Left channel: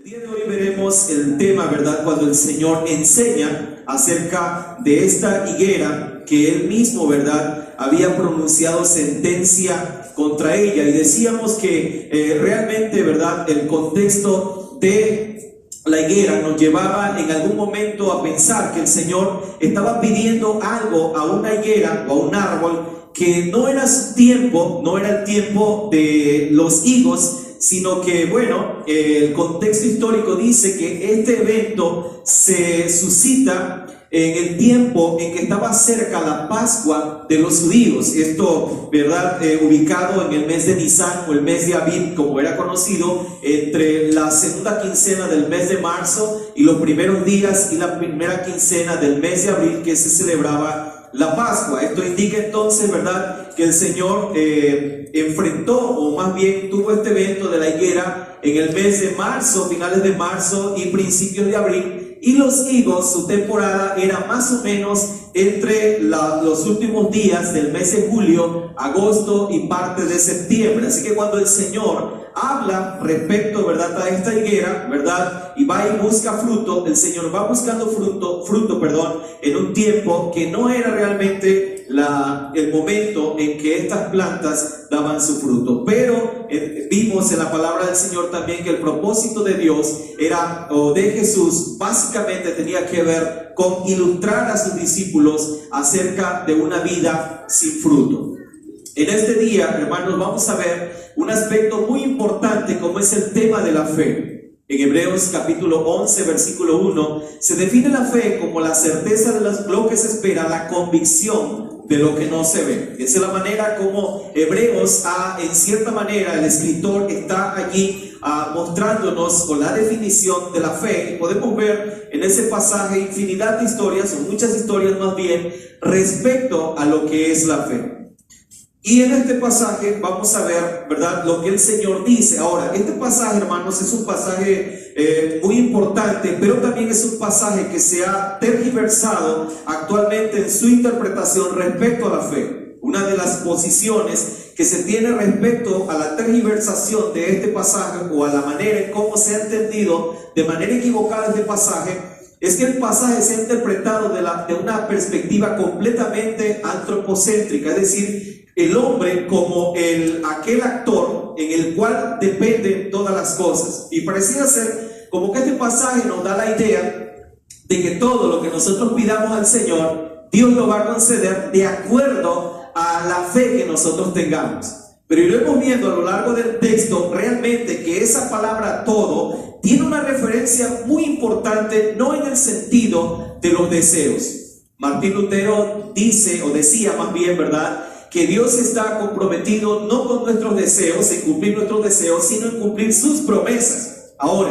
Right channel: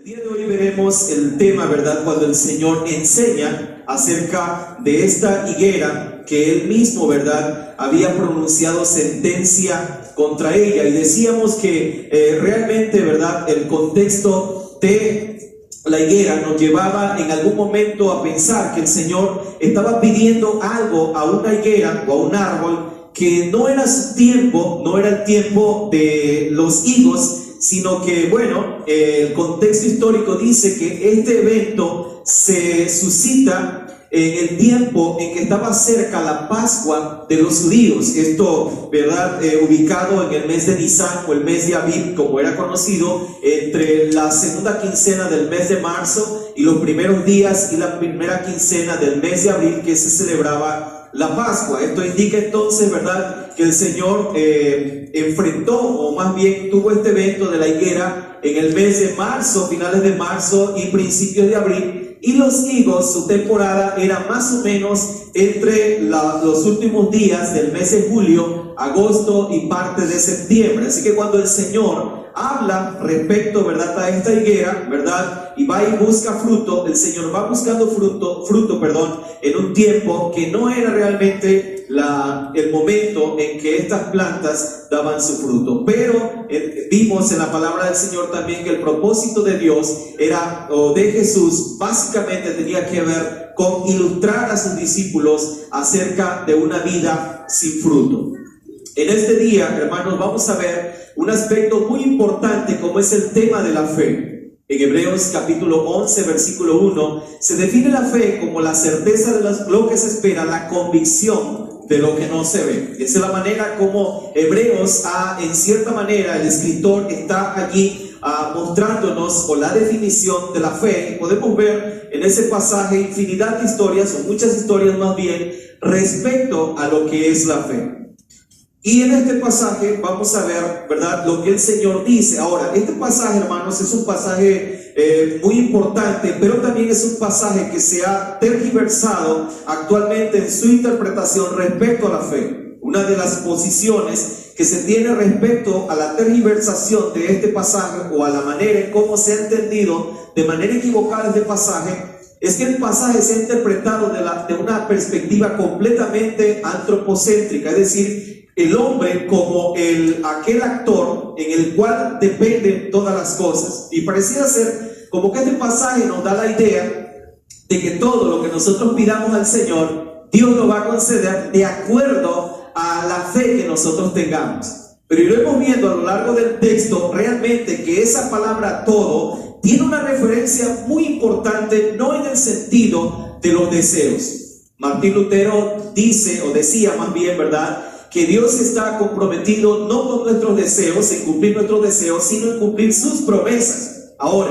El día de hoy veremos el tema, ¿verdad? Cuando el Señor enseña acerca de esta higuera que Él mismo, ¿verdad?, había pronunciado sentencia contra ella. Y decíamos que realmente, ¿verdad?, el contexto de la higuera nos llevaba en algún momento a pensar que el Señor estaba pidiendo algo a una higuera o a un árbol que no era su tiempo, no era el tiempo de los higos, sino que, bueno, el contexto histórico dice que este evento se suscita en el tiempo en que estaba cerca la Pascua de los judíos. Esto, ¿verdad?, ubicado en el mes de Nisan o el mes de Abib, como era conocido, entre la segunda quincena del mes de marzo y los primeros días y la primera quincena del mes de abril, que se celebraba la Pascua. Esto indica entonces, ¿verdad?, que el Señor enfrentó, o más bien tuvo este evento de la higuera en el mes de marzo, finales de marzo y principios de abril. Y los higos, su temporada era más o menos entre los últimos días del mes de julio, agosto y parte de septiembre. Así que cuando el Señor habla respecto, ¿verdad?, a esta higuera, ¿verdad?, y va y busca fruto, el Señor va buscando fruto, en un tiempo que no era realmente el momento en que estas plantas daban su fruto. Pero vimos en la palabra del Señor también que el propósito de Dios era, o de Jesús, básicamente tenía que ver con ilustrar a sus discípulos acerca de una vida sin fruto. En este día, hermanos, vamos a ver un aspecto muy importante como es el tema de la fe. En Hebreos capítulo 11, versículo 1, se define la fe como la certeza de lo que se espera, la convicción de lo que no se ve. Esa es la manera como Hebreos, en cierta manera, el escritor está allí mostrándonos con la definición de la fe. Y podemos ver en ese pasaje infinidad de historias, o muchas historias más bien, respecto a lo que es la fe. Y en este pasaje vamos a ver, ¿verdad?, lo que el Señor dice. Ahora, este pasaje, hermanos, es un pasaje muy importante, pero también es un pasaje que se ha tergiversado actualmente en su interpretación respecto a la fe. Una de las posiciones que se tiene respecto a la tergiversación de este pasaje, o a la manera en cómo se ha entendido de manera equivocada este pasaje, es que el pasaje se ha interpretado de una perspectiva completamente antropocéntrica, es decir, el hombre como aquel actor en el cual dependen todas las cosas. Y pareciera ser como que este pasaje nos da la idea de que todo lo que nosotros pidamos al Señor, Dios lo va a conceder de acuerdo a la fe que nosotros tengamos. Pero iremos viendo a lo largo del texto realmente que esa palabra todo tiene una referencia muy importante, no en el sentido de los deseos. Martín Lutero dice, o decía más bien, ¿verdad?, que Dios está comprometido no con nuestros deseos, en cumplir nuestros deseos, sino en cumplir sus promesas. Ahora,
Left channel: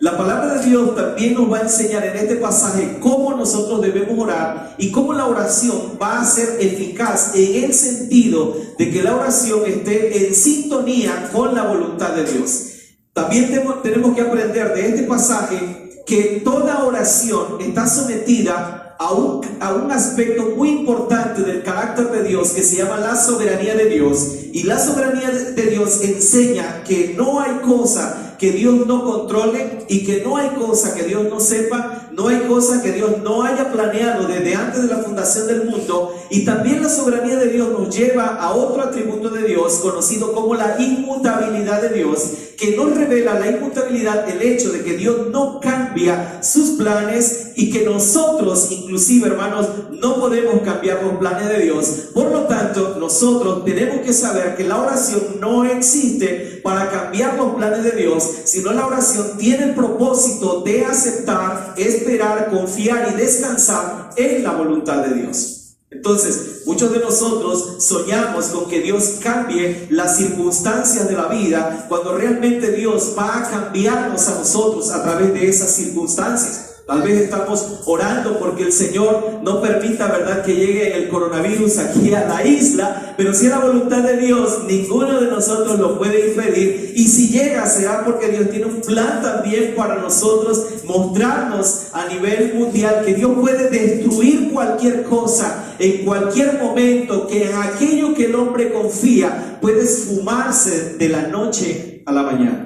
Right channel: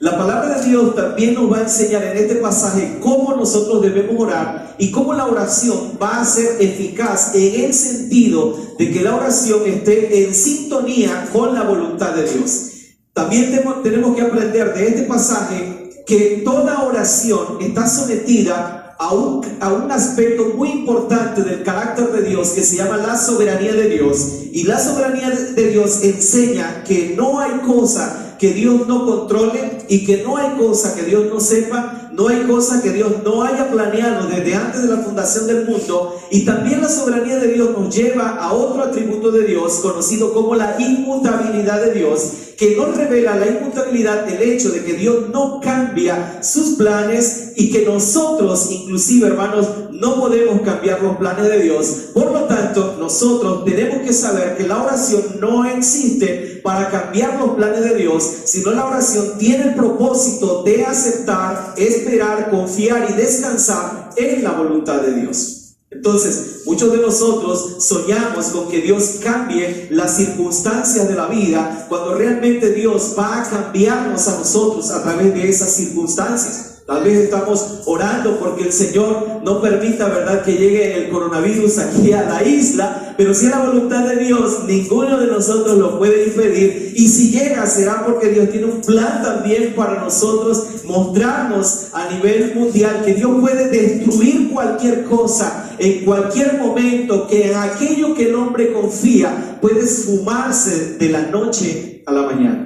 la palabra de Dios también nos va a enseñar en este pasaje cómo nosotros debemos orar y cómo la oración va a ser eficaz en el sentido de que la oración esté en sintonía con la voluntad de Dios. También tenemos que aprender de este pasaje que toda oración está sometida a un aspecto muy importante del carácter de Dios, que se llama la soberanía de Dios. Y la soberanía de Dios enseña que no hay cosa que Dios no controle, y que no hay cosa que Dios no sepa, no hay cosa que Dios no haya planeado desde antes de la fundación del mundo. Y también la soberanía de Dios nos lleva a otro atributo de Dios conocido como la inmutabilidad de Dios, que nos revela la inmutabilidad, el hecho de que Dios no cambia sus planes, y que nosotros, inclusive, hermanos, no podemos cambiar los planes de Dios. Por lo tanto, nosotros tenemos que saber que la oración no existe para cambiar los planes de Dios, sino la oración tiene el propósito de aceptar, esperar, confiar y descansar en la voluntad de Dios. Entonces, muchos de nosotros soñamos con que Dios cambie las circunstancias de la vida, cuando realmente Dios va a cambiarnos a nosotros a través de esas circunstancias. Tal vez estamos orando porque el Señor no permita, ¿verdad?, que llegue el coronavirus aquí a la isla, pero si es la voluntad de Dios, ninguno de nosotros lo puede impedir. Y si llega, será porque Dios tiene un plan también para nosotros, mostrarnos a nivel mundial que Dios puede destruir cualquier cosa en cualquier momento, que en aquello que el hombre confía puede esfumarse de la noche a la mañana.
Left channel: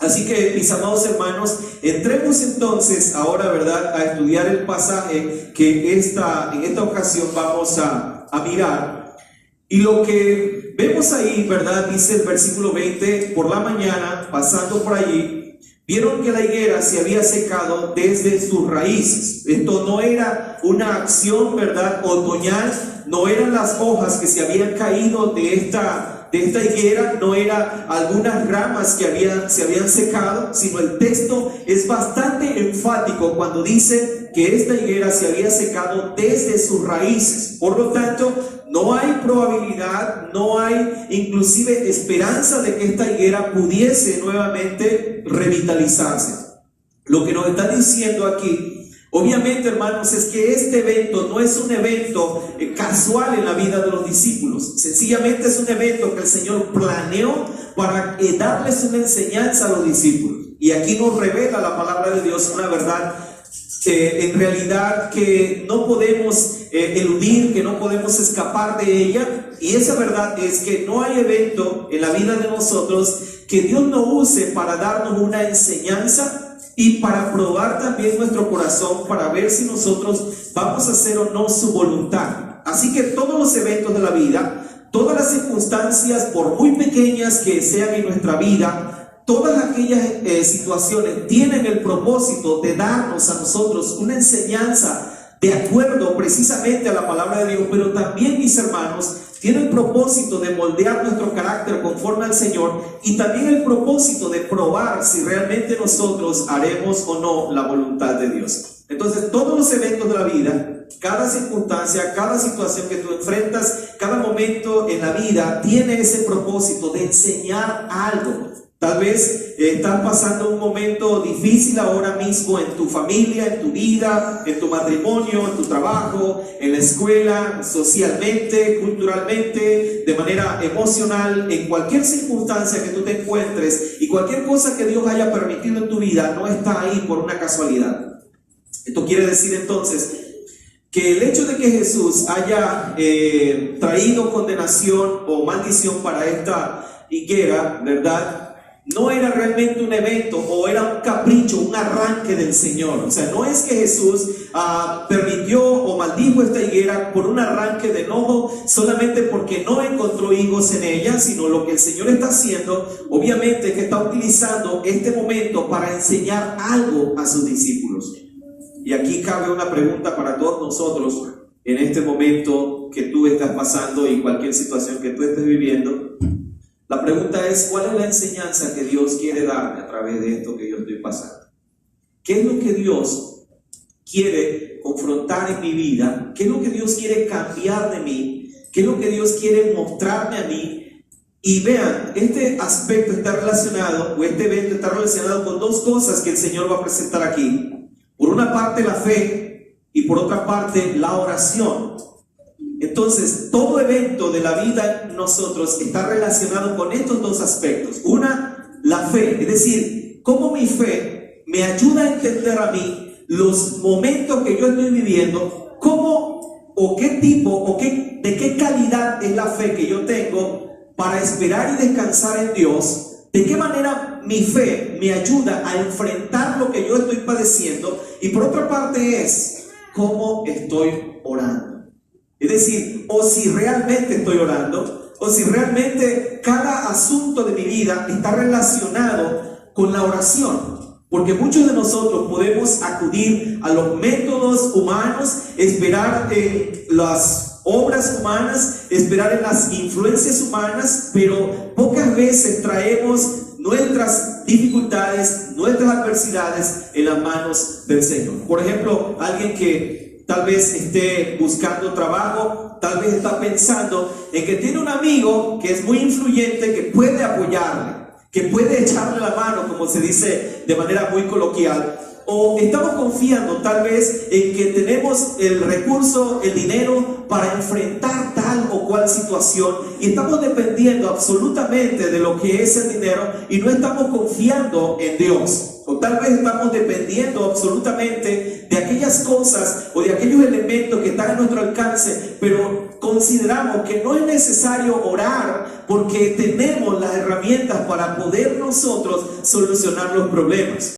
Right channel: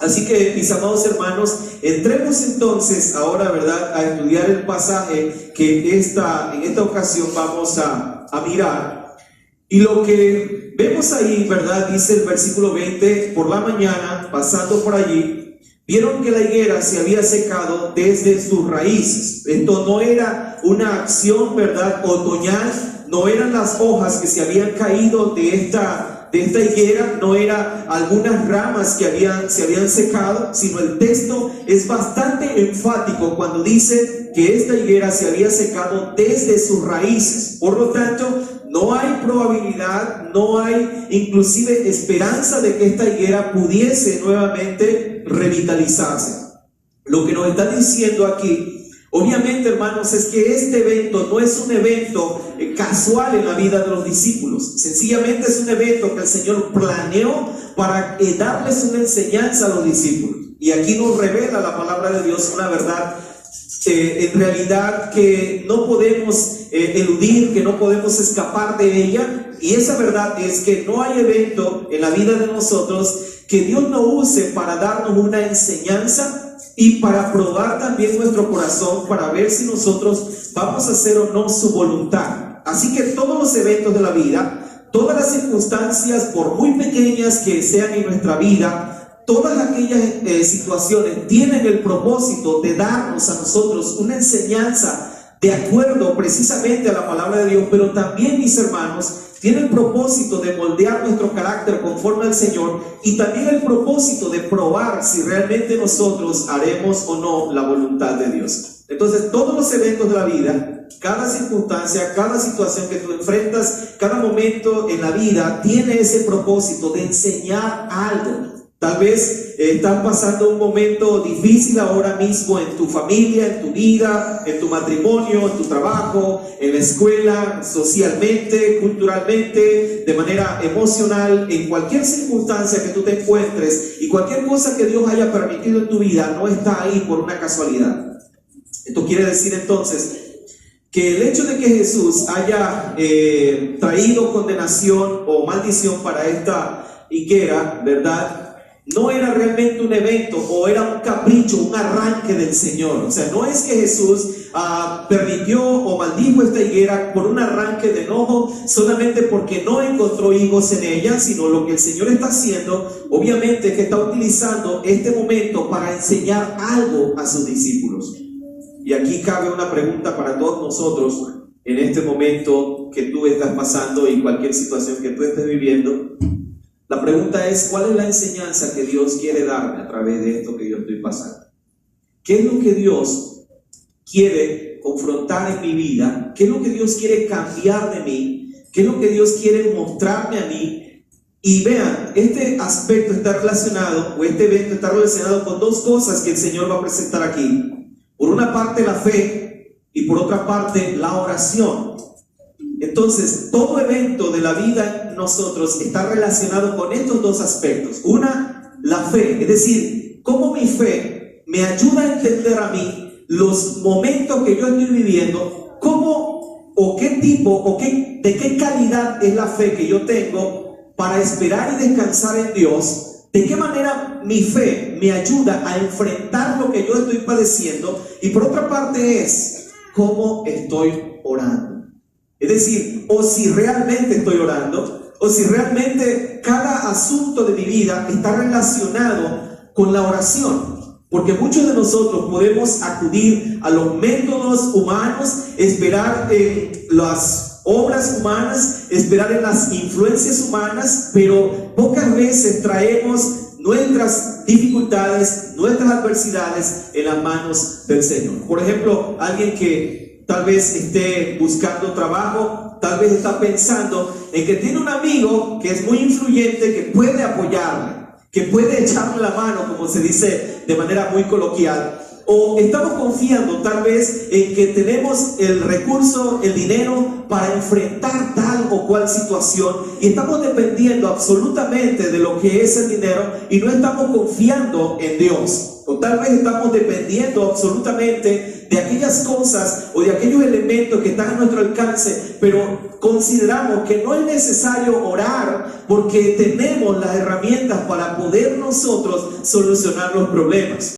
Así que, mis amados hermanos, entremos entonces ahora, ¿verdad?, a estudiar el pasaje que en esta ocasión vamos a mirar. Y lo que vemos ahí, ¿verdad?, dice el versículo 20: por la mañana, pasando por allí, vieron que la higuera se había secado desde sus raíces. Esto no era una acción, ¿verdad?, otoñal, no eran las hojas que se habían caído de esta higuera, no eran algunas ramas que se habían secado, sino el texto es bastante enfático cuando dice que esta higuera se había secado desde sus raíces. Por lo tanto, no hay probabilidad, no hay inclusive esperanza de que esta higuera pudiese nuevamente revitalizarse. Lo que nos está diciendo aquí, obviamente, hermanos, es que este evento no es un evento casual en la vida de los discípulos. Sencillamente es un evento que el Señor planeó para darles una enseñanza a los discípulos. Y aquí nos revela la palabra de Dios una verdad en realidad que no podemos eludir, que no podemos escapar de ella. Y esa verdad es que no hay evento en la vida de nosotros que Dios no use para darnos una enseñanza y para probar también nuestro corazón, para ver si nosotros vamos a hacer o no su voluntad. Así que todos los eventos de la vida, todas las circunstancias, por muy pequeñas que sean en nuestra vida, todas aquellas situaciones tienen el propósito de darnos a nosotros una enseñanza de acuerdo precisamente a la palabra de Dios, pero también, mis hermanos, tiene el propósito de moldear nuestro carácter conforme al Señor, y también el propósito de probar si realmente nosotros haremos o no la voluntad de Dios. Entonces, todos los eventos de la vida, cada circunstancia, cada situación que tú enfrentas, cada momento en la vida tiene ese propósito de enseñar algo. Tal vez estás pasando un momento difícil ahora mismo en tu familia, en tu vida, en tu matrimonio, en tu trabajo, en la escuela, socialmente, culturalmente, de manera emocional, en cualquier circunstancia que tú te encuentres, y cualquier cosa que Dios haya permitido en tu vida no está ahí por una casualidad. Esto quiere decir entonces que el hecho de que Jesús haya traído condenación o maldición para esta higuera, ¿verdad?, no era realmente un evento o era un capricho, un arranque del Señor. O sea, no es que Jesús permitió o maldijo esta higuera por un arranque de enojo solamente porque no encontró higos en ella, sino lo que el Señor está haciendo, obviamente, es que está utilizando este momento para enseñar algo a sus discípulos. Y aquí cabe una pregunta para todos nosotros en este momento que tú estás pasando y cualquier situación que tú estés viviendo. La pregunta es: ¿cuál es la enseñanza que Dios quiere darme a través de esto que yo estoy pasando? ¿Qué es lo que Dios quiere confrontar en mi vida? ¿Qué es lo que Dios quiere cambiar de mí? ¿Qué es lo que Dios quiere mostrarme a mí? Y vean, este aspecto está relacionado, o este evento está relacionado con dos cosas que el Señor va a presentar aquí. Por una parte, la fe, y por otra parte, la oración. Entonces, todo evento de la vida en nosotros está relacionado con estos dos aspectos. Una, la fe, es decir, cómo mi fe me ayuda a entender a mí los momentos que yo estoy viviendo, cómo o qué tipo o de qué calidad es la fe que yo tengo para esperar y descansar en Dios, de qué manera mi fe me ayuda a enfrentar lo que yo estoy padeciendo, y por otra parte es cómo estoy orando. Es decir, o si realmente estoy orando, o si realmente cada asunto de mi vida está relacionado con la oración. Porque muchos de nosotros podemos acudir a los métodos humanos, esperar en las obras humanas, esperar en las influencias humanas, pero pocas veces traemos nuestras dificultades, nuestras adversidades en las manos del Señor. Por ejemplo, alguien que tal vez esté buscando trabajo, tal vez está pensando en que tiene un amigo que es muy influyente, que puede apoyarle, que puede echarle la mano, como se dice de manera muy coloquial. O estamos confiando tal vez en que tenemos el recurso, el dinero para enfrentar tal o cual situación, y estamos dependiendo absolutamente de lo que es el dinero y no estamos confiando en Dios. O tal vez estamos dependiendo absolutamente de aquellas cosas o de aquellos elementos que están a nuestro alcance, pero consideramos que no es necesario orar porque tenemos las herramientas para poder nosotros solucionar los problemas.